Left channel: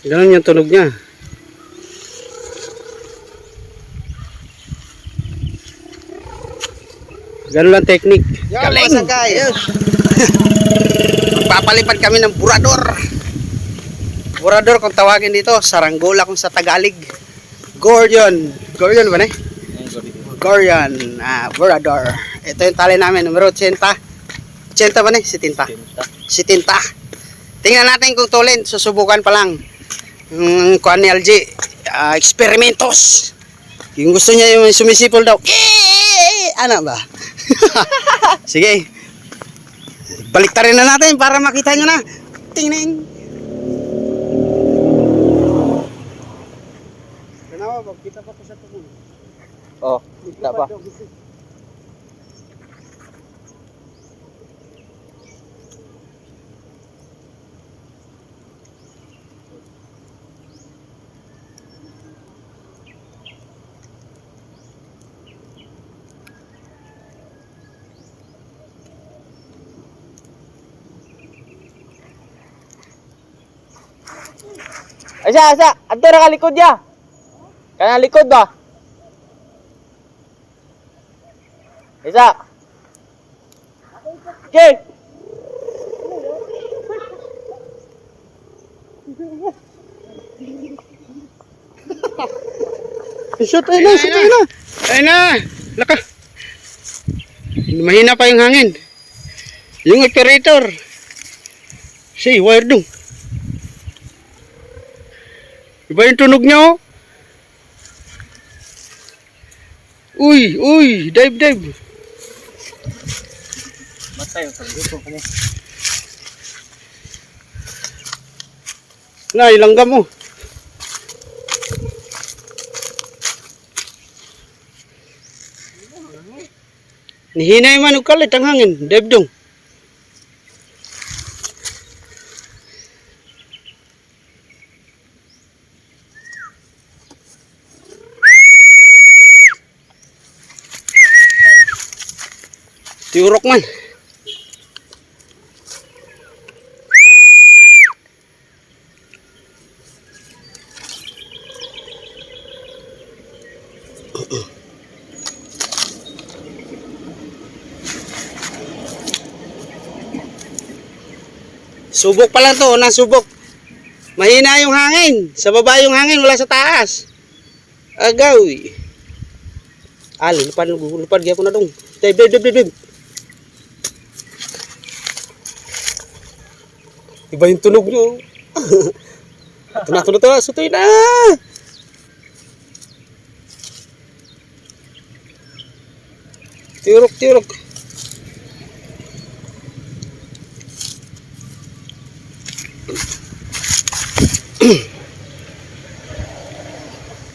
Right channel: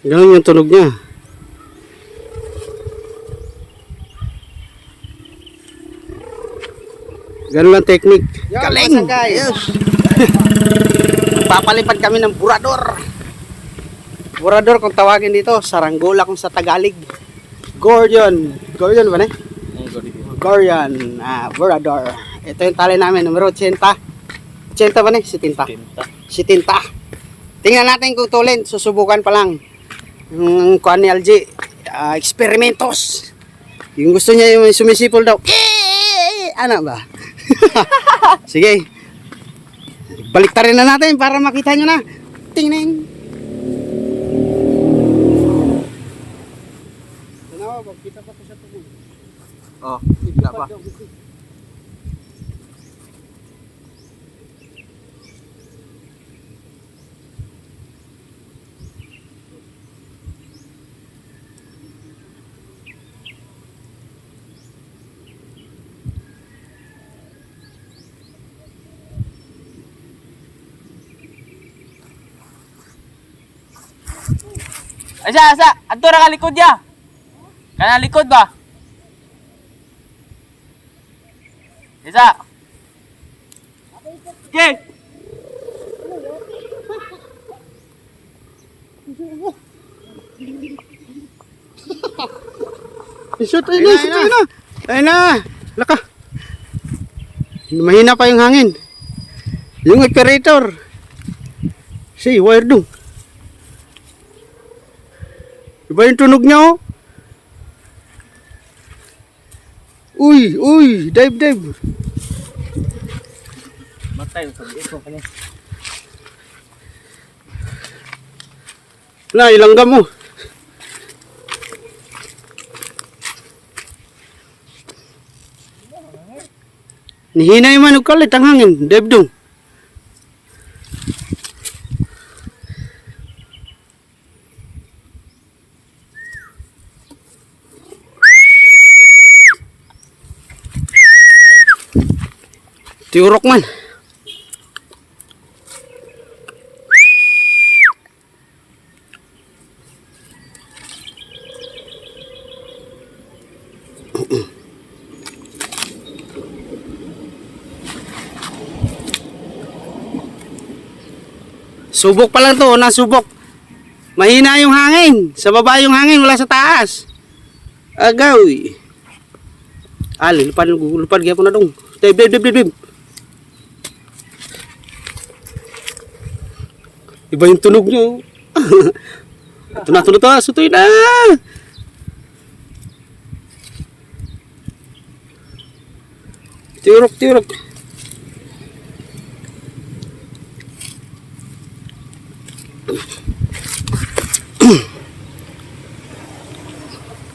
Ganun yung tunog niya. Ganun lang technique. Galing! Yes. Magpapalipad kami ng burador. Burador kung tawagin dito. Saranggola kung sa Tagalog. Gordion. Gordion ba na? Gordion. Burador. Ito yung tali namin. Numero 80. 80 ba na? 70. 70. Tingnan natin kung tulin. Susubukan pa lang. Kuan ni LG. Experimentos. Yung gusto niya yung sumisipol daw. Ano ba? Sige. Baliktarin na natin para makita nyo na. Tingnan. Ganawa ba? Kita pa to sa tunog. Oh, kita pa. Asa, adto ra ka likod ya. Kana likod ba? Isa. Okay. Shot, ayun na. Ayun na. Laka. Mahina pa yung hangin. Yung operator. Si, wire dong. Iba yung tunog niya, oh. Uy, dive. Matay yung sabi ko kanya. Na, ilangga mo. Nihinay man, kalit ang hangin. Dive dong. Tiurok man. Subok pa lang to, nasubok. Mahina yung hangin. Sa baba yung hangin, wala sa taas. Agaw. Lupad gyapon na dong. Dive. Iba yung tunog nyo. Ito na. Sutoy na. Tiurok.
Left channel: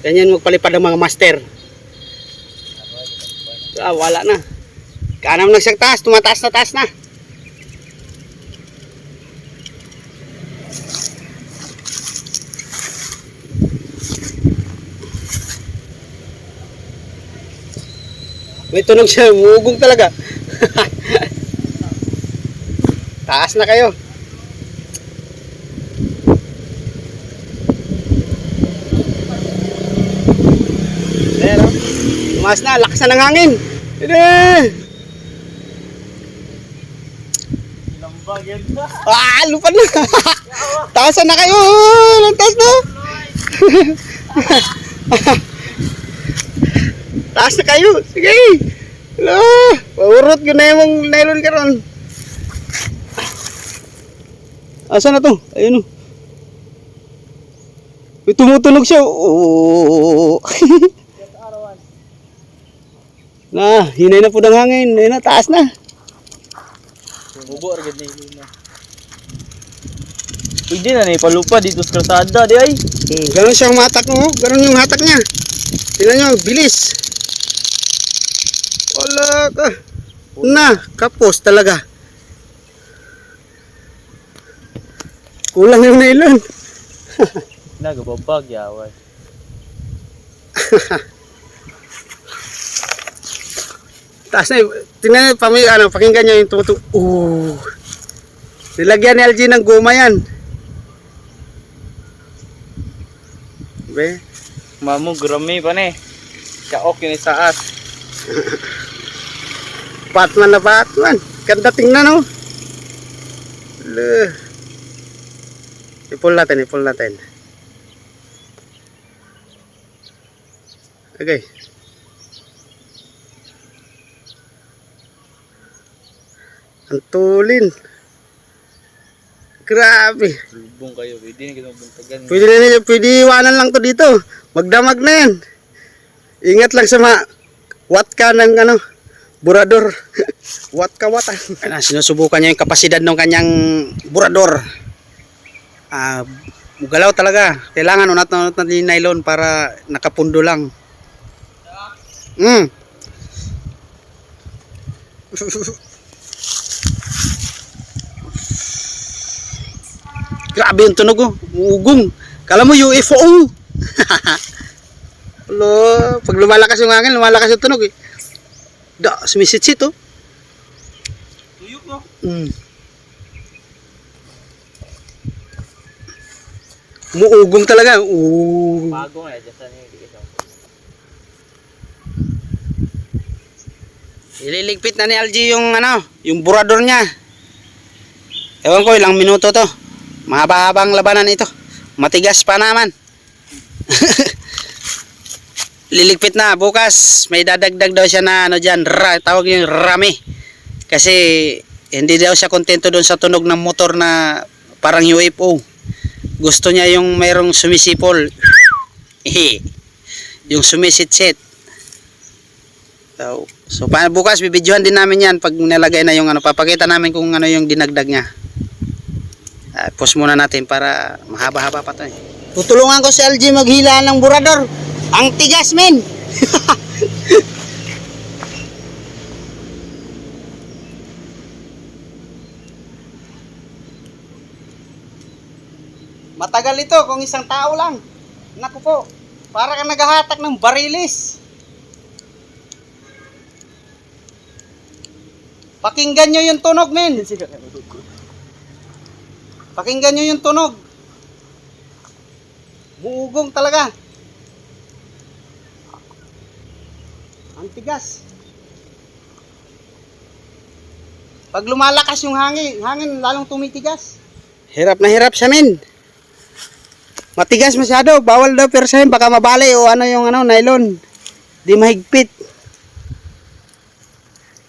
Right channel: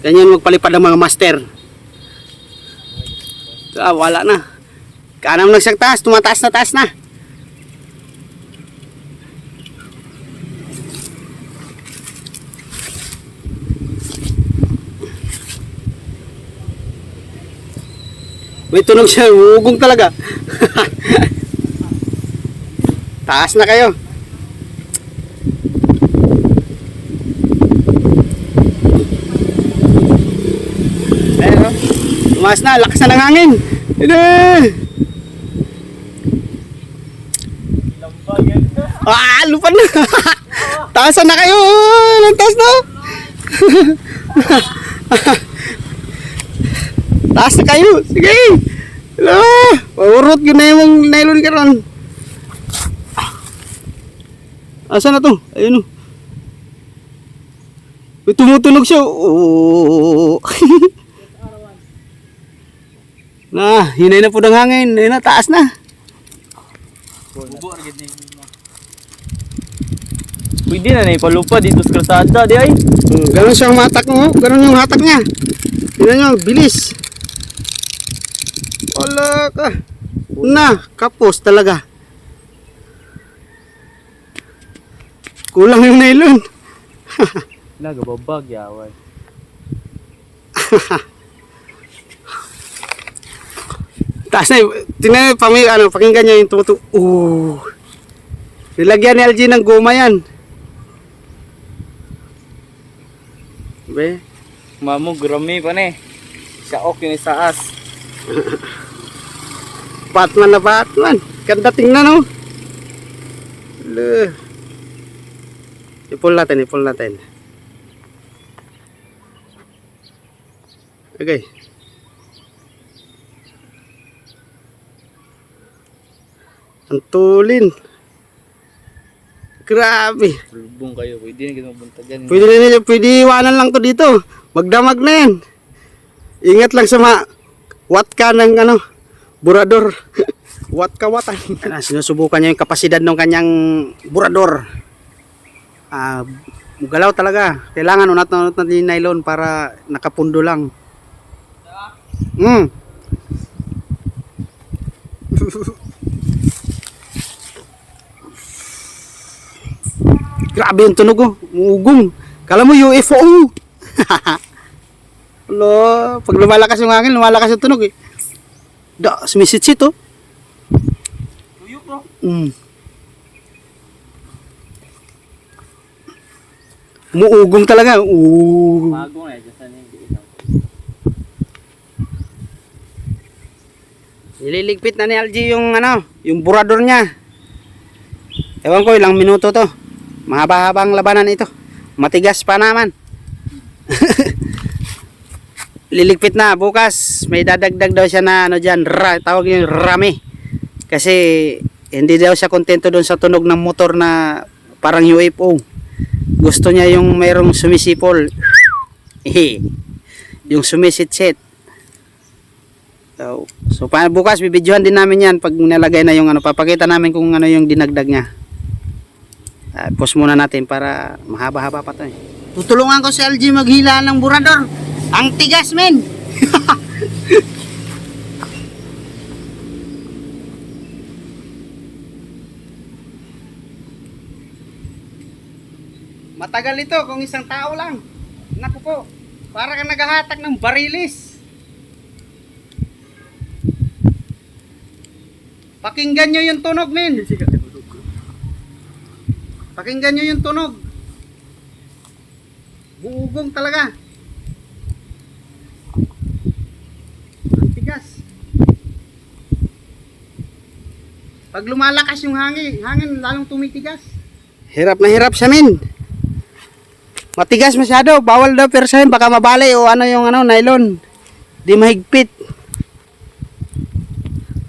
Ganyan magpalipad ng mga master. Wala na. Kanam nagsang taas, tumataas na taas na. May tunog siya, ugong talaga. Taas na kayo. Tumaas na, lakas na ng hangin. Lupad na. Taasan na kayo. Taas na. Taas na kayo. Sige. Paurot yun na yung nylon ka ron. Asan na to? Ayun o. Tumutunog siya. Oh. Na, hinay na po ng hangin. Ayun na, taas na. Pwede na ipalupa dito sa kalsada di ay. Ganun siyang matak mo. Ganun yung hatak niya. Tingnan nyo, bilis. Wala ka. Na, kapos talaga. Kulang yung nylon. Nagababag yawan. Taas na, tingnan nyo, pakinggan nyo yung tumutu. Nilagyan ni LG ng goma yan. Be. Mamu grami pa ni. Siya ok yun isaas. Batman na Batman. Ganda tingnan, oh. Le. Ipul natin, ipul natin. Okay. Ang tulin. Grabe. Lubong kayo, pwede na kita buntagan. Pwede iwanan lang to dito. Magdamag na yan. Ingat lang sa wat ka ng ano, burador. Wat ka wata. Sinusubukan niya yung kapasidad ng kanyang burador. Galaw talaga. Kailangan unat natin yung nylon para nakapundo lang. Grabe yung tunog, oh. Ugong. Kala mo UFO. Lo, pag lumalakas yung hangin, lumalakas yung tunog, eh. Sumisit-sit, oh. Tuyok ko. Umuugong talaga. Bago nga, dyan ni Ililigpit na ni Algie yung ano, yung burador niya. Ewan ko ilang minuto to. Mahaba-habang labanan ito. Matigas pa naman. Liligpit na bukas. May dadagdag daw siya na ano diyan, tawag yung rami. Kasi hindi daw siya kontento doon sa tunog ng motor na parang UFO. Gusto niya yung mayroong sumisipol. Yung sumisit-sit. So bukas bibidyohan din namin yan pag nalagay na yung ano, papakita namin kung ano yung dinagdag niya. Pause muna natin para mahaba-haba pa to, eh. Tutulungan ko si Algie maghila ng burador. Ang tigas, men. Matagal ito kung isang tao lang. Naku po, para kang naghahatak ng barilis. Pakinggan nyo yung tunog, men. Pakinggan nyo yung tunog. Buugong talaga. Ang tigas. Pag lumalakas yung hangin lalong tumitigas. Hirap na hirap siya, men. Matigas masyado. Bawal daw persahin. Baka mabali o ano yung ano, nylon. Di mahigpit.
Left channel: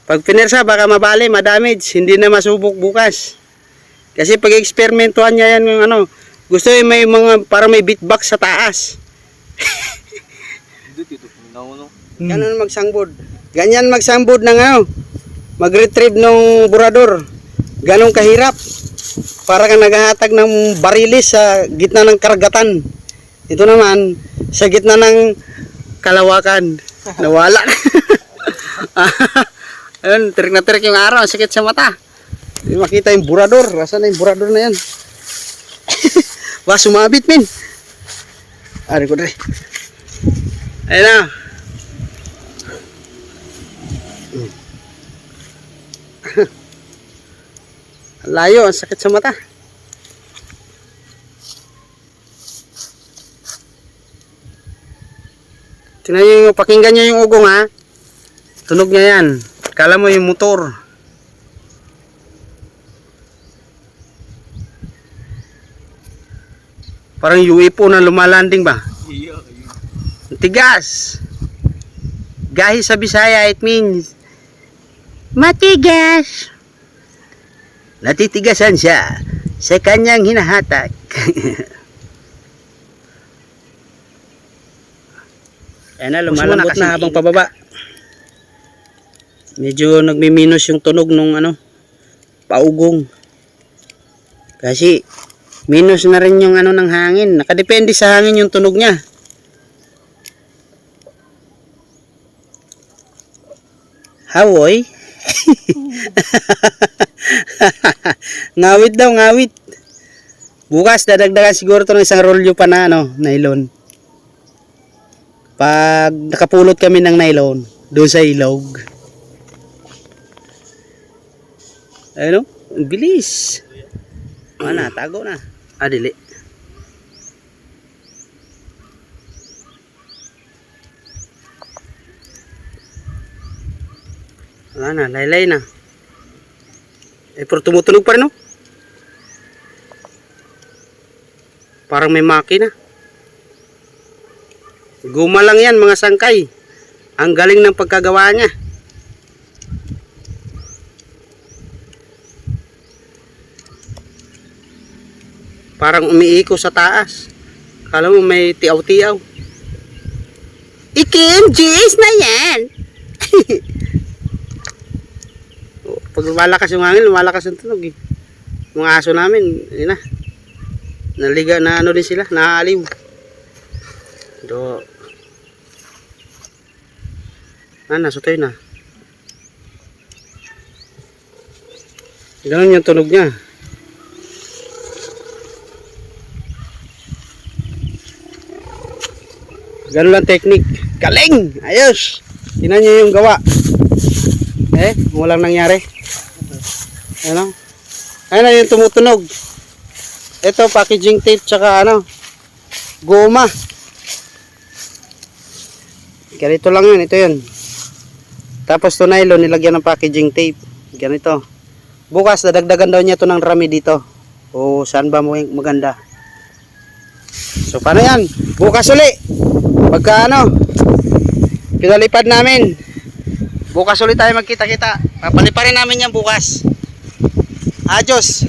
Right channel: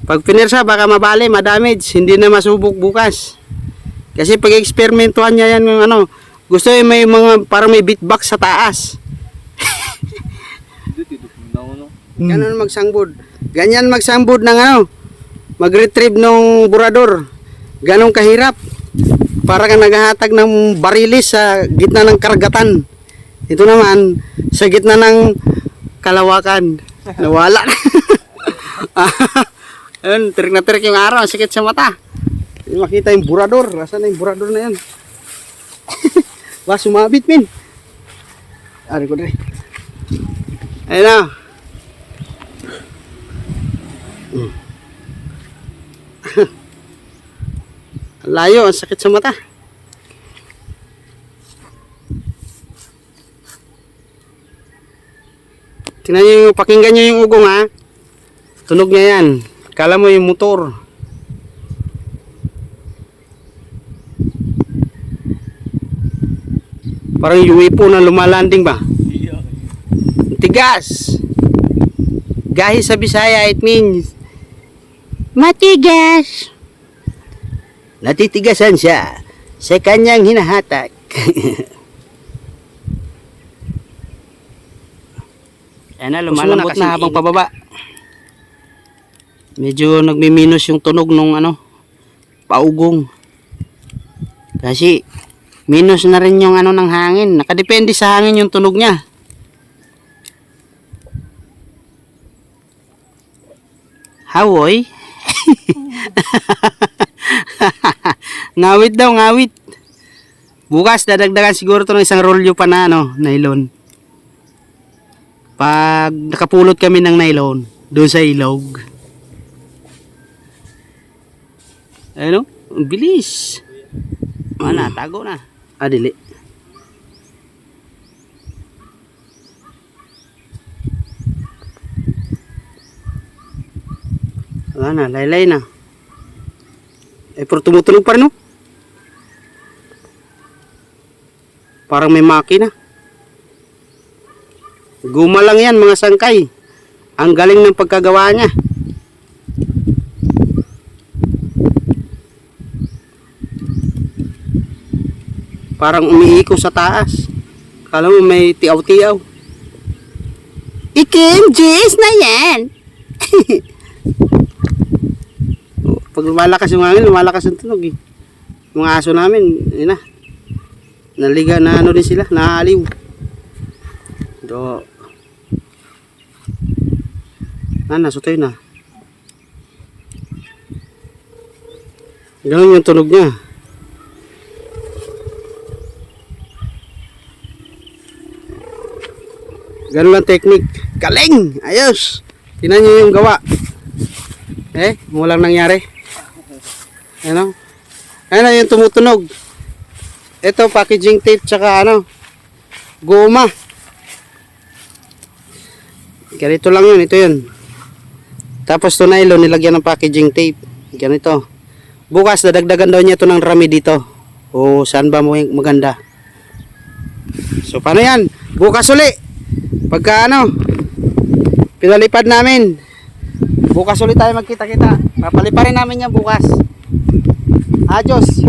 Pag pinersa baka mabali, madamage. Hindi na masubok bukas. Kasi pag eksperimentuhan niya yan yung ano, gusto yung may mga parang may beatbox sa taas. Ganun magsangbod. Ganyan magsangbod ng ano, mag-retrieve ng burador. Ganun kahirap. Para kang naghahatag ng barilis sa gitna ng karagatan. Ito naman sa gitna ng kalawakan. Nawala. Ayun, tirik na tirik yung araw, sakit sa mata. Hindi makita yung burador. Asan na yung burador na yan? Ba, sumabit, men. Ari ko dre. Ayun na. Layo, ang sakit sa mata. Tingnan nyo yung, pakinggan nyo yung ugong, ha. Tunog niya yan. Kala mo yung motor. Parang UFO na lumalanding ba? Tigas. Gahi sa Bisaya, it means matigas. Natitigasan siya sa kanyang hinahatak. Ayan na, lumalambot na habang pababa. Medyo nagmi-minus yung tunog nung ano, paugong. Kasi minus na rin yung ano ng hangin. Nakadepende sa hangin yung tunog niya. Hawoy. Ngawit daw, ngawit. Bukas dadagdagan siguro to ng isang rolyo pa na ano, nylon. Pag nakapulot kami ng nylon doon sa ilog. Ayun, ang bilis. Tago na. Dili. Wala na, laylay na. Pero tumutunog pa rin, no? Parang may makina. Guma lang yan, mga sangkay. Ang galing ng pagkagawa niya. Parang umiiko sa taas. Kala mo may tiaw-tiaw. Ikim, Jis na yan. Pag lumalakas yung hangin, lumalakas ang tunog eh. Mga aso namin, yun na. Naliga na ano din sila, naaaliw. Do. Nasutoy na. Ganun yung tunog niya. Ganun lang technique. Galing! Ayos! Tingnan niyo yung gawa. Walang nangyari. Ano? Ayun yung tumutunog. Ito, packaging tape tsaka goma. Ganito lang yun, ito yun. Tapos ito nylon, nilagyan ng packaging tape. Ganito. Bukas, dadagdagan daw niya ito ng rami dito. O, saan ba maganda? So, paano yan? Bukas uli. Pagka pinalipad namin. Bukas ulit tayo magkita-kita. Papaliparin namin yan bukas. Adios.